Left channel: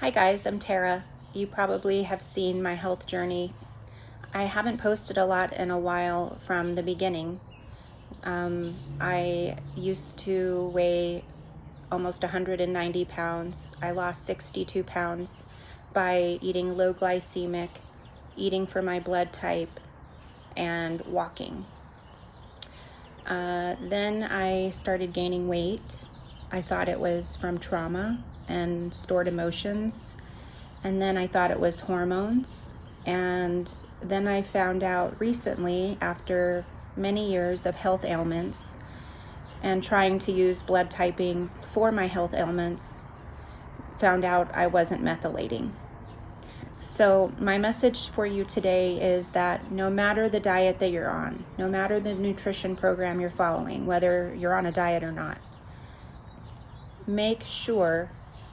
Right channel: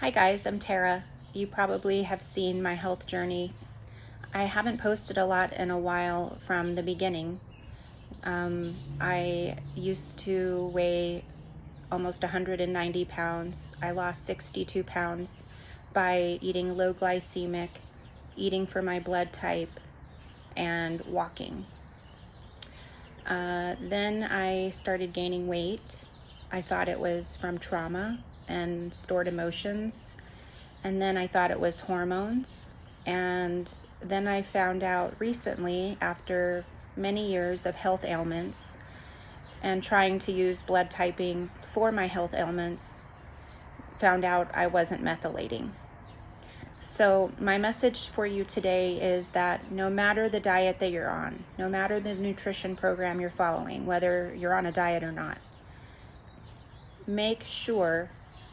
Hi guys, I'm Tara. You probably have seen my health journey. I haven't posted a lot in a while from the beginning. I used to weigh almost 190 pounds. I lost 62 pounds by eating low glycemic, eating for my blood type, and walking. Then I started gaining weight. I thought it was from trauma and stored emotions. And then I thought it was hormones. And then I found out recently, after many years of health ailments and trying to use blood typing for my health ailments, found out I wasn't methylating. So my message for you today is that no matter the diet that you're on, no matter the nutrition program you're following, whether you're on a diet or not, make sure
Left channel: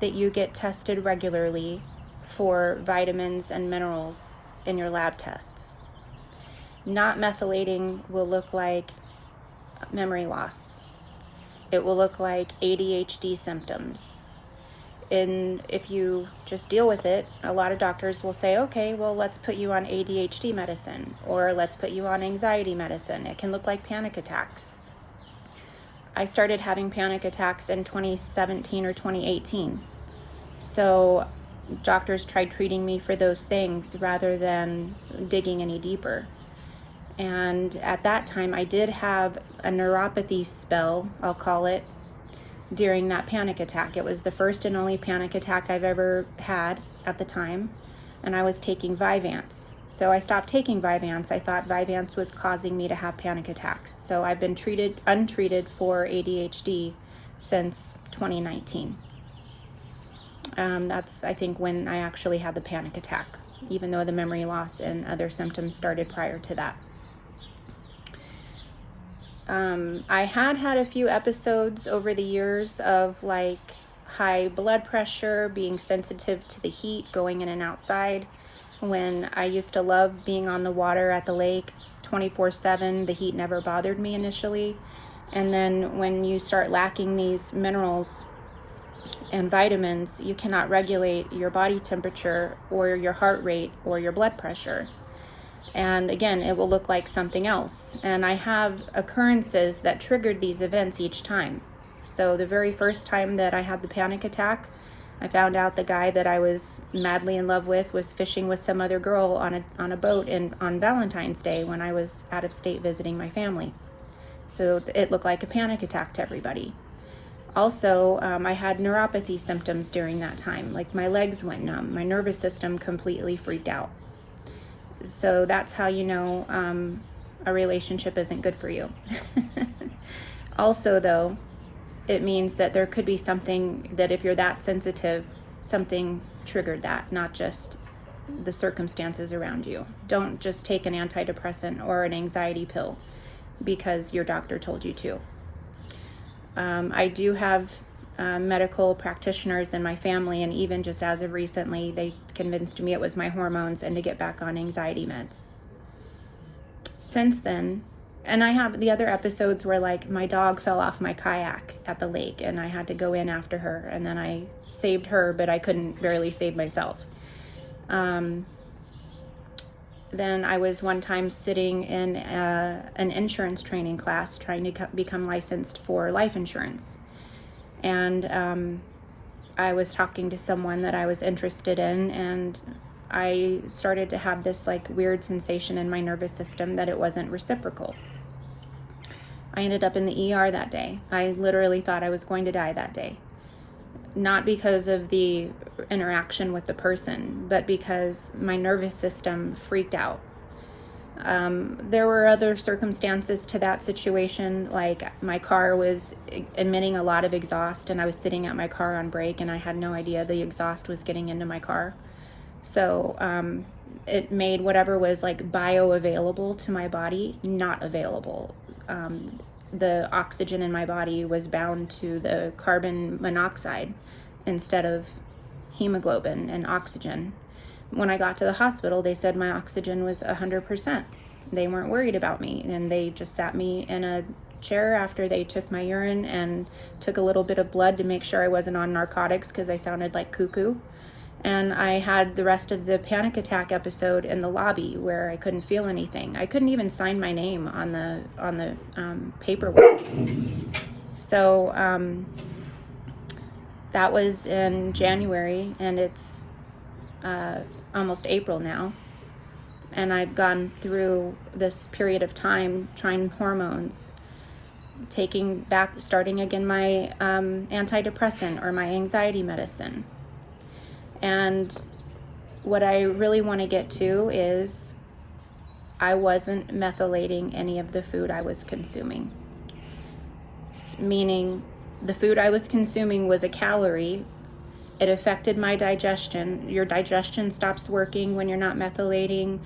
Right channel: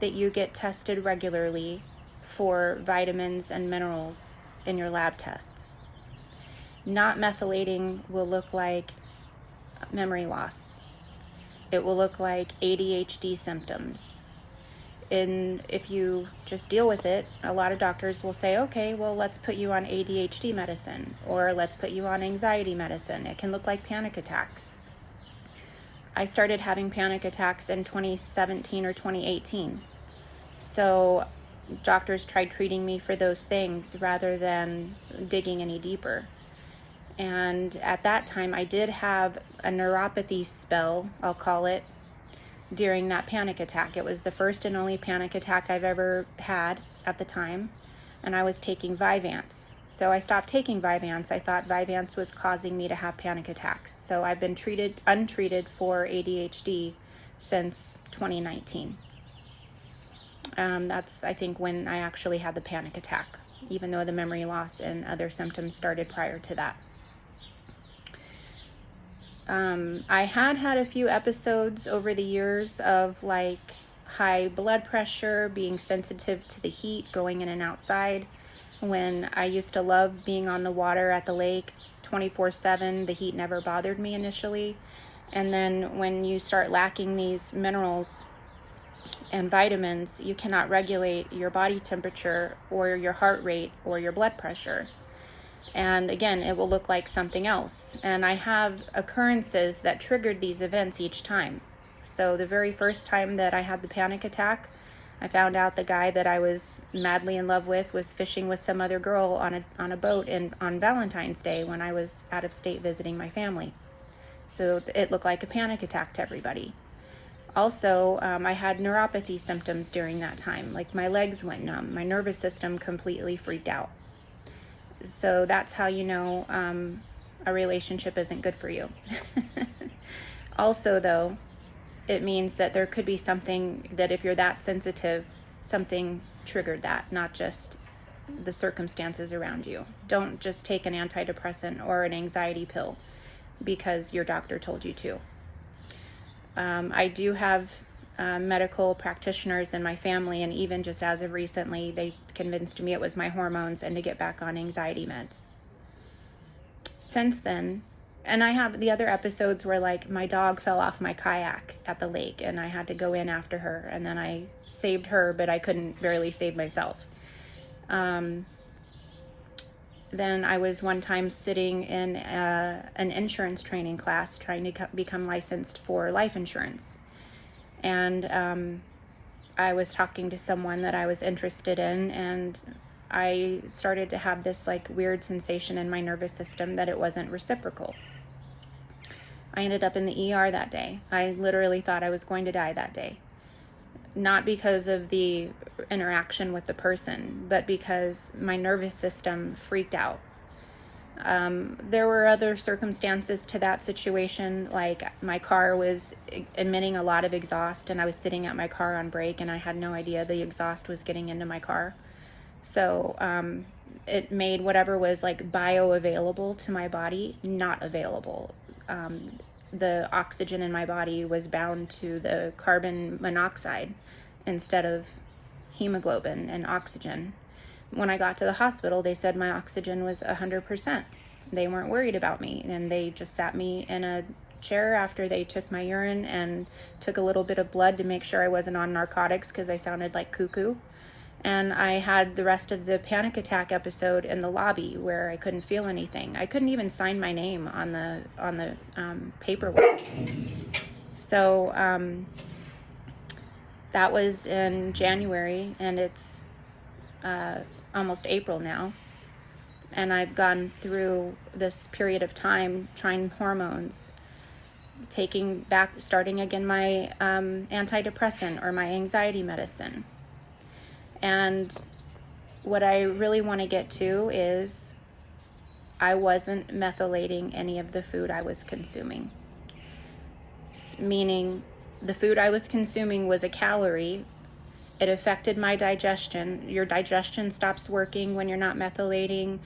that you get tested regularly for vitamins and minerals in your lab tests. Not methylating will look like memory loss. It will look like ADHD symptoms. And if you just deal with it, a lot of doctors will say, okay, well, let's put you on ADHD medicine, or let's put you on anxiety medicine. It can look like panic attacks. I started having panic attacks in 2017 or 2018. So doctors tried treating me for those things rather than digging any deeper. And at that time, I did have a neuropathy spell, I'll call it, during that panic attack. It was the first and only panic attack I've ever had at the time, and I was taking Vyvanse. So I stopped taking Vyvanse. I thought Vyvanse was causing me to have panic attacks. So I've been untreated for ADHD since 2019. That's, I think, when I actually had the panic attack, even though the memory loss and other symptoms started prior to that. I had a few episodes over the years of like high blood pressure, being sensitive to the heat, going in and outside. When I used to love being on the water at the lake 24/7, the heat never bothered me initially. And then when you start lacking these minerals and vitamins, you cannot regulate your body temperature or your heart rate or your blood pressure. And again, it will look like something else. And I have occurrences that triggered these events each time. So the very first time that I had the panic attack, I found out the guy that I was madly in love with was fishing with some other girl on a boat on Valentine's Day when I was out of state visiting my family. So it looked like a panic attack to everybody. Also, I had neuropathy symptoms during that time. Like my legs went numb, my nervous system completely freaked out. So that's how you know a relationship isn't good for you. Also, though, it means that there could be something that if you're that sensitive, something triggered that, not just the circumstances around you. Don't just take an antidepressant or an anxiety pill because your doctor told you to. I do have medical practitioners in my family, and even just as of recently, they convinced me it was my hormones and to get back on anxiety meds. Since then, and I have the other episodes where like my dog fell off my kayak at the lake and I had to go in after her, and then I saved her, but I couldn't barely save myself. Then I was one time sitting in an insurance training class trying to become licensed for life insurance. And I was talking to someone that I was interested in, and I started to have this like weird sensation in my nervous system that it wasn't reciprocal. I ended up in the ER that day. I literally thought I was going to die that day. Not because of the interaction with the person, but because my nervous system freaked out. There were other circumstances to that situation, like my car was emitting a lot of exhaust and I was sitting at my car on brake and I had no idea the exhaust was getting into my car. So it made whatever was like bioavailable to my body not available. The oxygen in my body was bound to the carbon monoxide instead of hemoglobin and oxygen. When I got to the hospital, they said my oxygen was 100%. They weren't worried about me, and they just sat me in a chair after they took my urine and took a little bit of blood to make sure I wasn't on narcotics because I sounded like cuckoo. And I had the rest of the panic attack episode in the lobby where I couldn't feel anything. I couldn't even sign my name on the paperwork. So that was in January, and it's almost April now. And I've gone through this period of time trying hormones, starting again my antidepressant or my anxiety medicine. And what I really want to get to is I wasn't methylating any of the food I was consuming. Meaning the food I was consuming was a calorie. It affected my digestion. Your digestion stops working when you're not methylating.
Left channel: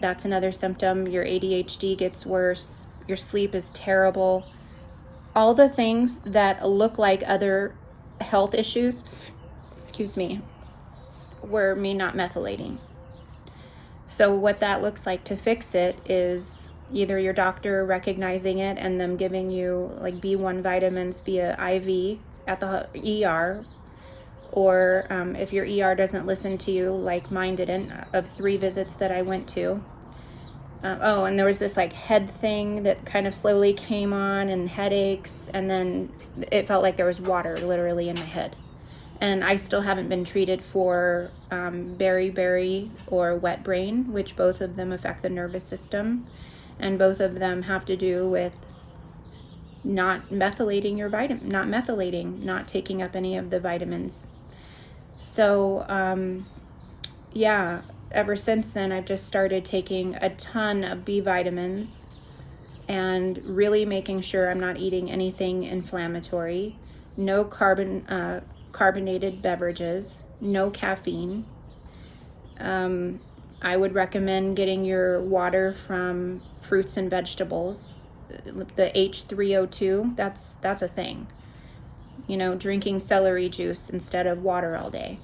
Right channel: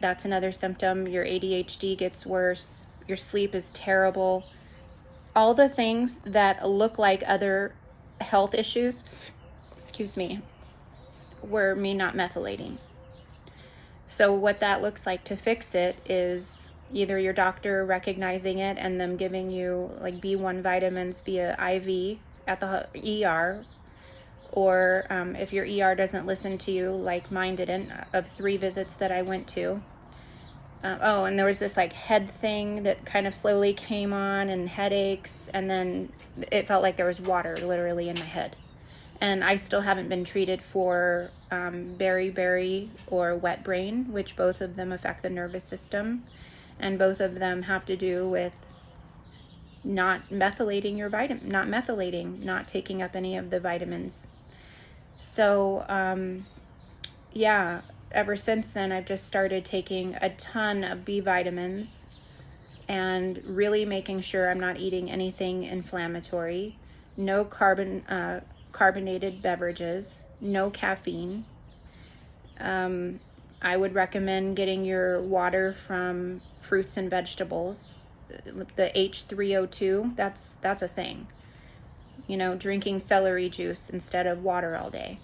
That's another symptom. Your ADHD gets worse. Your sleep is terrible. All the things that look like other health issues, were me not methylating. So what that looks like to fix it is either your doctor recognizing it and them giving you like B1 vitamins via IV at the ER, or if your ER doesn't listen to you, like mine didn't, of 3 visits that I went to. And there was this like head thing that kind of slowly came on, and headaches, and then it felt like there was water literally in my head. And I still haven't been treated for beriberi or wet brain, which both of them affect the nervous system. And both of them have to do with not methylating your not taking up any of the vitamins. So, ever since then, I've just started taking a ton of B vitamins and really making sure I'm not eating anything inflammatory. No carbonated beverages, no caffeine. I would recommend getting your water from fruits and vegetables. The H3O2, that's a thing. Drinking celery juice instead of water all day.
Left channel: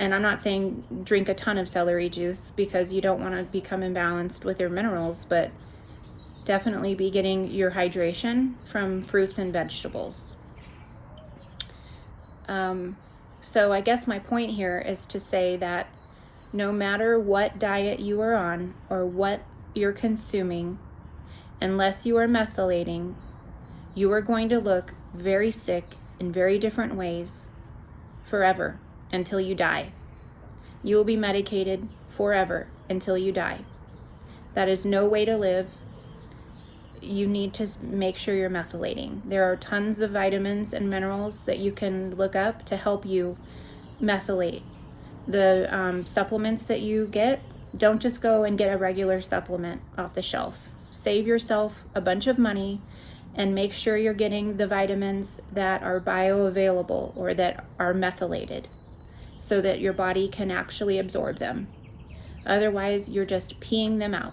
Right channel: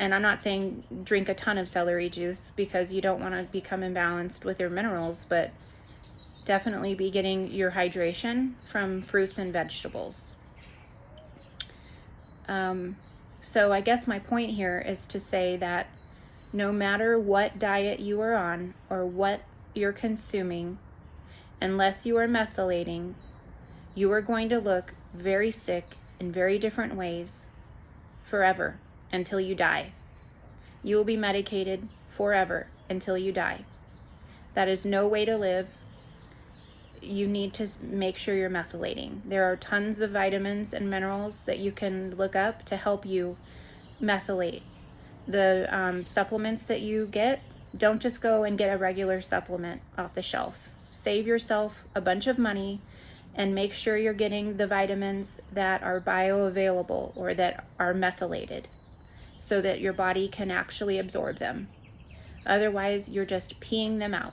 And I'm not saying drink a ton of celery juice because you don't want to become imbalanced with your minerals, but definitely be getting your hydration from fruits and vegetables. So I guess my point here is to say that no matter what diet you are on or what you're consuming, unless you are methylating, you are going to look very sick in very different ways forever until you die. You will be medicated forever until you die. That is no way to live. You need to make sure you're methylating. There are tons of vitamins and minerals that you can look up to help you methylate. The supplements that you get, don't just go and get a regular supplement off the shelf. Save yourself a bunch of money and make sure you're getting the vitamins that are bioavailable or that are methylated so that your body can actually absorb them. Otherwise, you're just peeing them out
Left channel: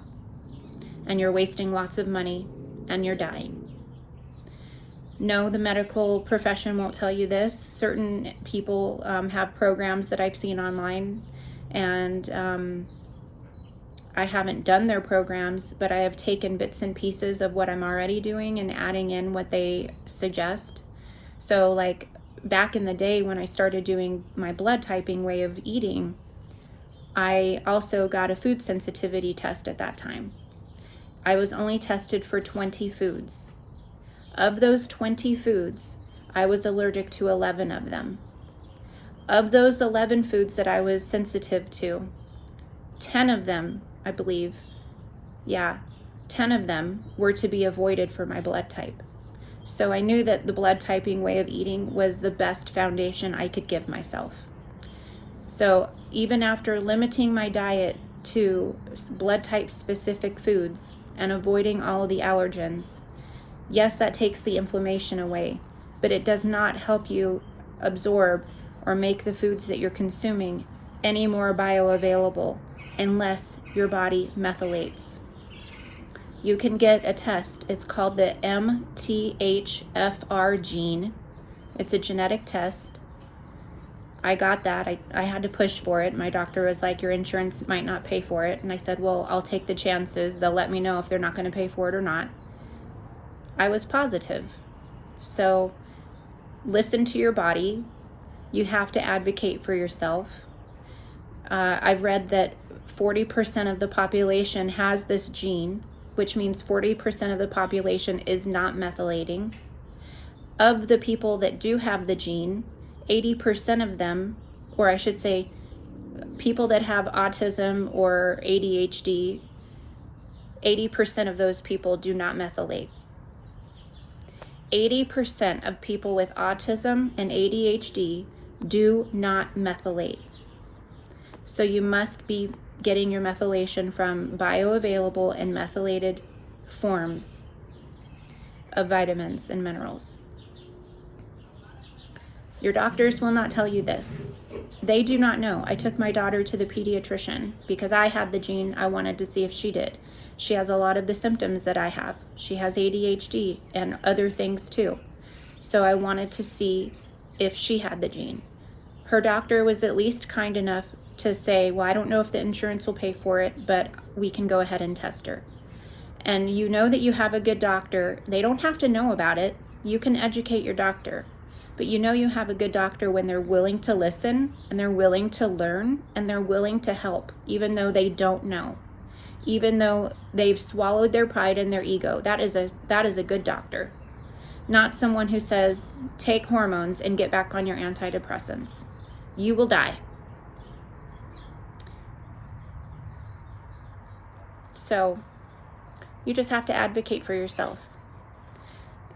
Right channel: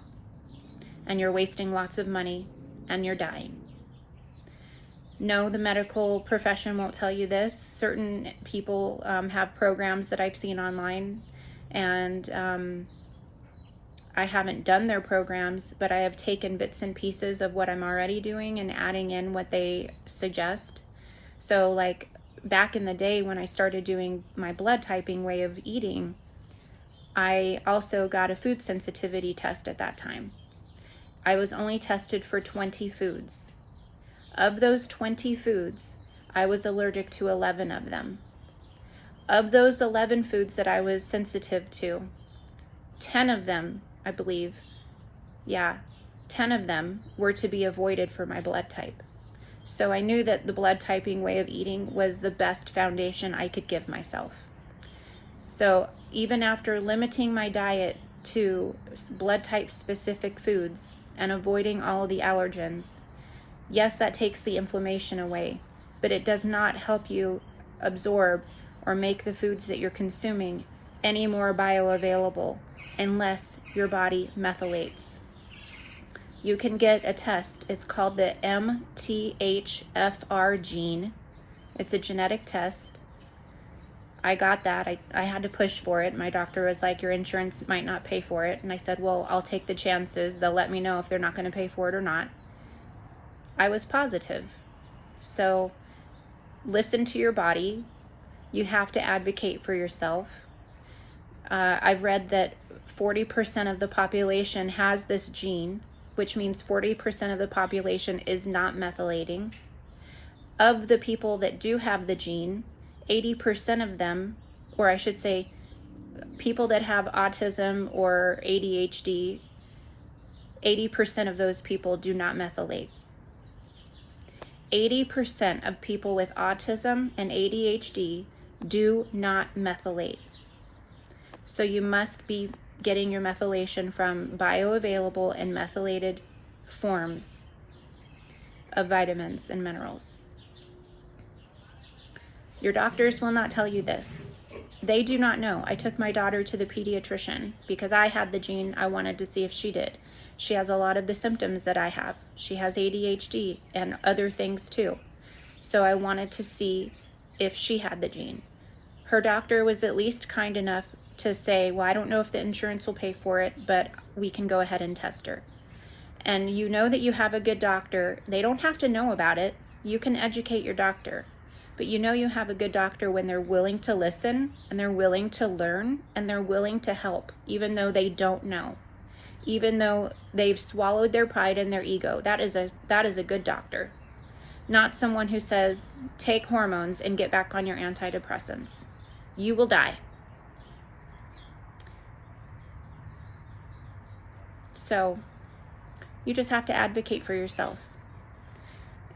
and you're wasting lots of money and you're dying. No, the medical profession won't tell you this. Certain people have programs that I've seen online, and I haven't done their programs, but I have taken bits and pieces of what I'm already doing and adding in what they suggest. So like back in the day when I started doing my blood typing way of eating, I also got a food sensitivity test at that time. I was only tested for 20 foods. Of those 20 foods, I was allergic to 11 of them. Of those 11 foods that I was sensitive to, 10 of them, I believe, 10 of them were to be avoided for my blood type. So I knew that the blood typing way of eating was the best foundation I could give myself. So even after limiting my diet to blood type specific foods and avoiding all of the allergens, yes, that takes the inflammation away, but it does not help you absorb or make the foods that you're consuming any more bioavailable unless your body methylates. You can get a test. It's called the MTHFR gene. It's a genetic test. I got that. I had to push for it. My doctor was like, your insurance might not pay for it. And I said, well, I'll take the chances. They'll let me know if they're not going to pay for it or not. I was positive. So listen to your body. You have to advocate for yourself. I've read that 40% of the population has this gene, which means 40% of the population is not methylating. Of the people that do have the gene, 80% of them, or I should say, people that have autism or ADHD, 80% of those people do not methylate. 80% of people with autism and ADHD do not methylate. So you must be getting your methylation from bioavailable and methylated forms of vitamins and minerals. Your doctors will not tell you this. They do not know. I took my daughter to the pediatrician because I had the gene. I wanted to see if she did. She has a lot of the symptoms that I have. She has ADHD and other things too. So I wanted to see if she had the gene. Her doctor was at least kind enough to say, well, I don't know if the insurance will pay for it, but we can go ahead and test her. And you know that you have a good doctor. They don't have to know about it. You can educate your doctor. But you know you have a good doctor when they're willing to listen and they're willing to learn and they're willing to help, even though they don't know. Even though they've swallowed their pride and their ego. That is a good doctor. Not someone who says, take hormones and get back on your antidepressants. You will die. So you just have to advocate for yourself.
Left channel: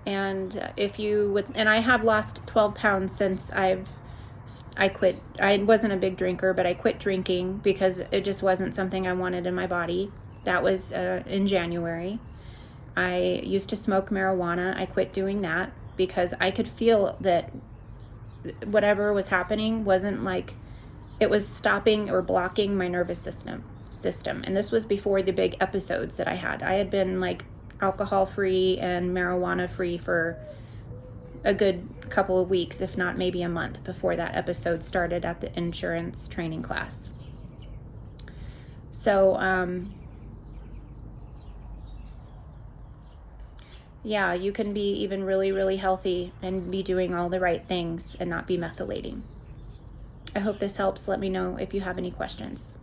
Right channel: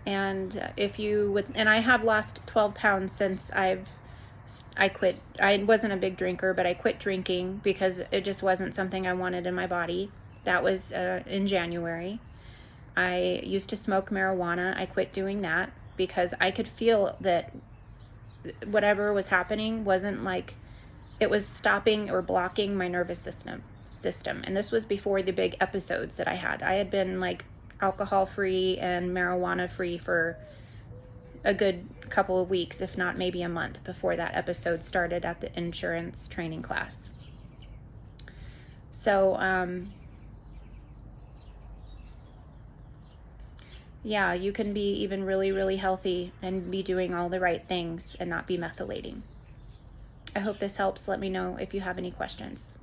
And if you would, and I have lost 12 pounds since I quit. I wasn't a big drinker, but I quit drinking because it just wasn't something I wanted in my body. That was in January. I used to smoke marijuana. I quit doing that because I could feel that whatever was happening wasn't like, it was stopping or blocking my nervous system. And this was before the big episodes that I had. I had been like alcohol free and marijuana free for a good couple of weeks, if not maybe a month, before that episode started at the insurance training class. So yeah, you can be even really, really healthy and be doing all the right things and not be methylating. I hope this helps. Let me know if you have any questions.